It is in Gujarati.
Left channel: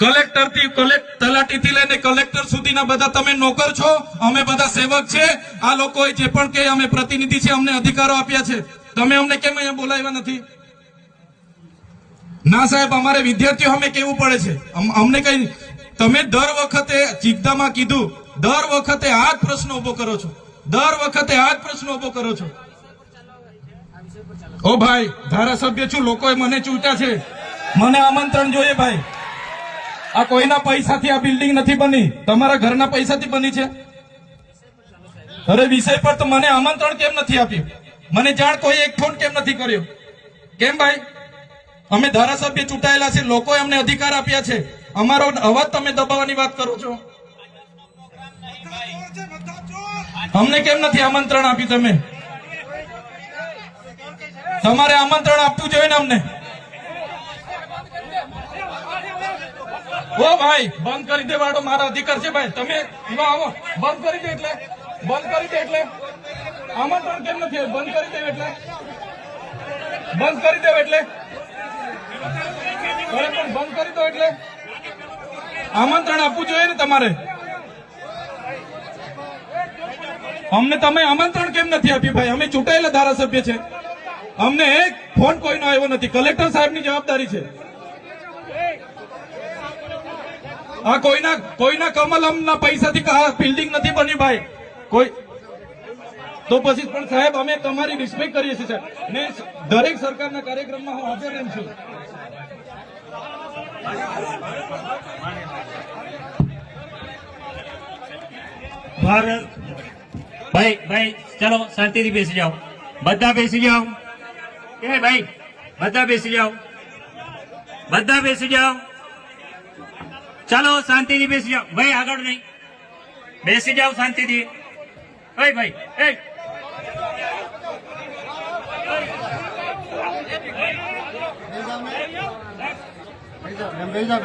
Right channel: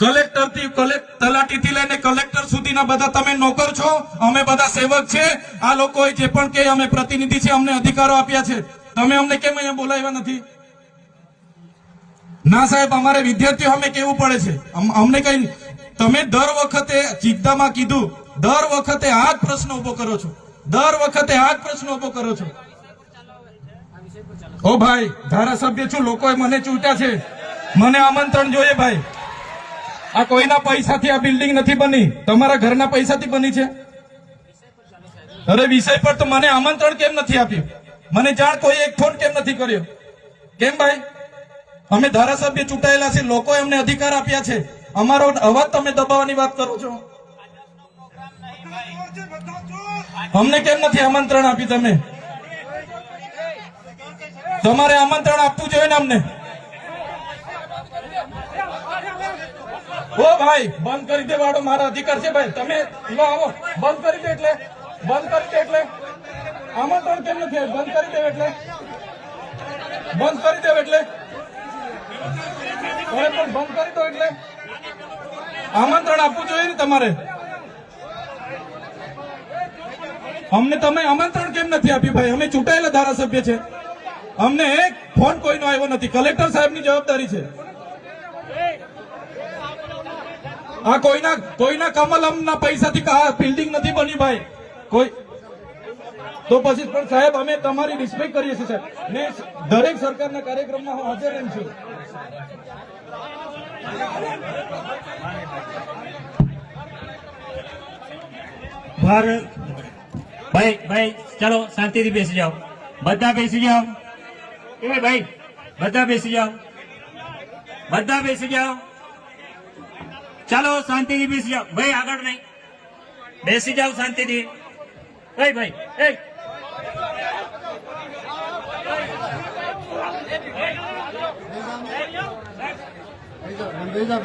कलेक्टर थी तलाटी थी लઈને कलेक्टर સુધીના બધા તમે નોકર છો, અમે બધા સેવક છે। આ લોકો જે પણ કે અમે પ્રતિનિધિ છે, અમને અધિકારો આપ્યા છે, તમે અમને કેમ અહીંયા બોલાવ્યા નથી? ના સાહેબ, અમારે વિદ્યાર્થીઓ અમે કેવું પડે છે, અમને કઈ તમે દર વખતે ચિત્તામાં કીધું, દર વખતે આ જ પ્રશ્ન ઉભો કરો છો, દર વખતે આ જ પ્રશ્ન ઉભો કરો છો। ઓ ભાઈ, ધારાસભ્ય છું, લોકોએ મને ચૂંટ્યા છે, મને આમંત્રણ જોઈએ ભાઈ। આ કોઈના પૈસાથી આ બિલ્ડિંગ નથી બની, તમારા ઘરના પૈસાથી બની છે। અરે વિષય પર તો મને આમંત્રણ કેમ નથી આપ્યું? મને જાણ કોઈ એક ફોન કેમ નથી કર્યો? કેમ ભાઈ? અમે ધારાસભ્ય ચૂંટાયેલા છે, લોકોએ અમને અધિકાર આપ્યા છે, અમારો અવાજ તમે દબાવવાની વાત કરો છો। અમને કેમ નથી આમંત્રણ આપ્યું તમે? તમારે આમંત્રણ આપવું જોઈએ ને અમને। ઓ ભાઈ, બંધ કરી દેવાડો, મારો અધિકાર છે ભાઈ। તમે આવો, બંધ કરી દે એટલે આમંત્રણ કેમ નથી? બંધ કરી દે એટલે બંધ કરી દો એટલે આમંત્રણ આપવું જોઈએ ને તમારે। અમને તમે આમંત્રણ કેમ નથી આપ્યું ભાઈ? અમે ચૂંટાયેલા ધારાસભ્ય છે, અમને એક ફોન કોઈનો આવ્યો નથી। કલેક્ટર સાહેબની જવાબદારી છે। આ કોઈના કમલમના પૈસાથી બિલ્ડિંગ નથી બની ભાઈ, કોઈ તો પછી પણ સાહેબ અમે તમારી રિસ્પેક્ટ કરીએ છીએ સાહેબ, ને દરેક સરકારના કાર્યક્રમમાં હું હાજર રહું છું। ભાઈ ભાઈ ચલો શાંતિથી બેસી જાઓ, બધા બેસી જાઓ। એ ભાઈ બધા બેસી જાઓ, બધા બેસી જાઓ, ચાલો શાંતિથી બેસી જાઓ। ભાઈ આગળ નહીં, બેસી જાઓ શાંતિથી। ભાઈ ભાઈ भेजा